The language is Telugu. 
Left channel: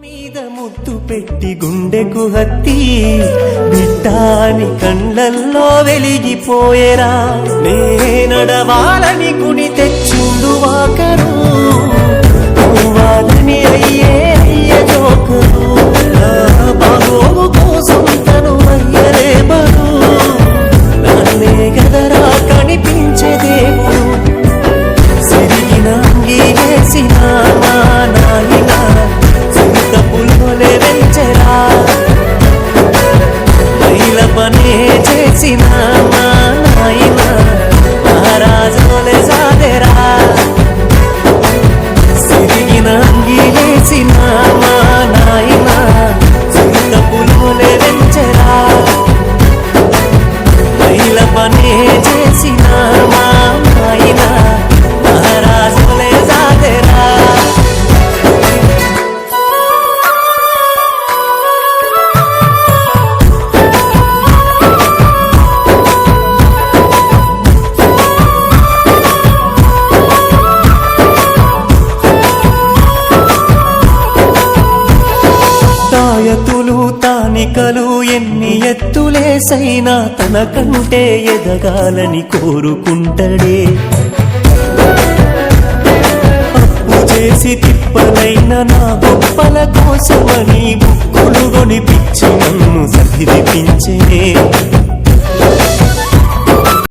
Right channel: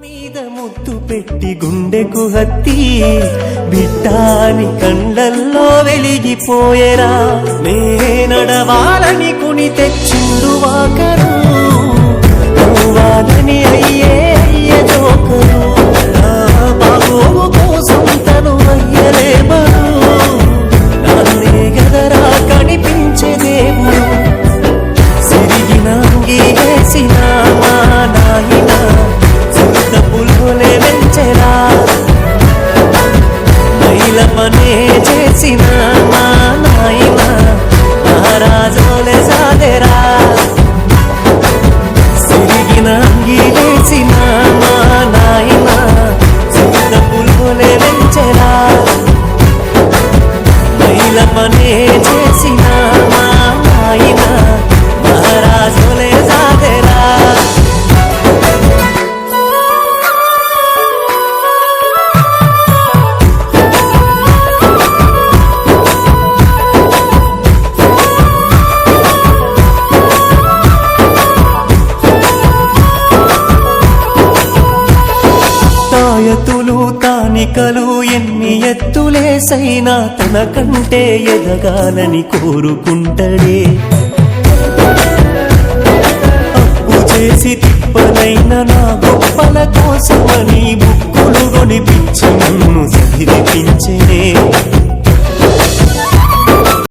మీద ముద్దు పెట్టి గుండెకు హత్తి బిడ్డాని కండ్లల్లో వెలిగిపోయేరా నే నడవాలని కొని తెచ్చిండు వాకరు నవ్వాలని అయ్యే జోకరు నా బాగోగు కోసం తను అయ్యలే బరు నన్నే గదరా కనిపించే దేవుడు సిరిగిన అంగీలేసిన మా నాయన చిరుత పుల్గొలే వెంచెరా మైల పనే చేసిన మా నాయన మహారాజోలే సాదెరా సిరిగిన అంగీలేసిన మా నాయన చిరుత పుల్గొలే వెంచెరా మైల పనే చేసిన మా నాయన మహారాజోలే సాదెరా తాయతులు తానికలు ఎన్ని ఎత్తులేసైనా తన కంటే ఎదగాలని కోరుకుంటడే అప్పు చేసి తిప్పనైన నా గొప్పల కోసమని బుక్కులు కొనిపించి నన్ను చదివిపించనే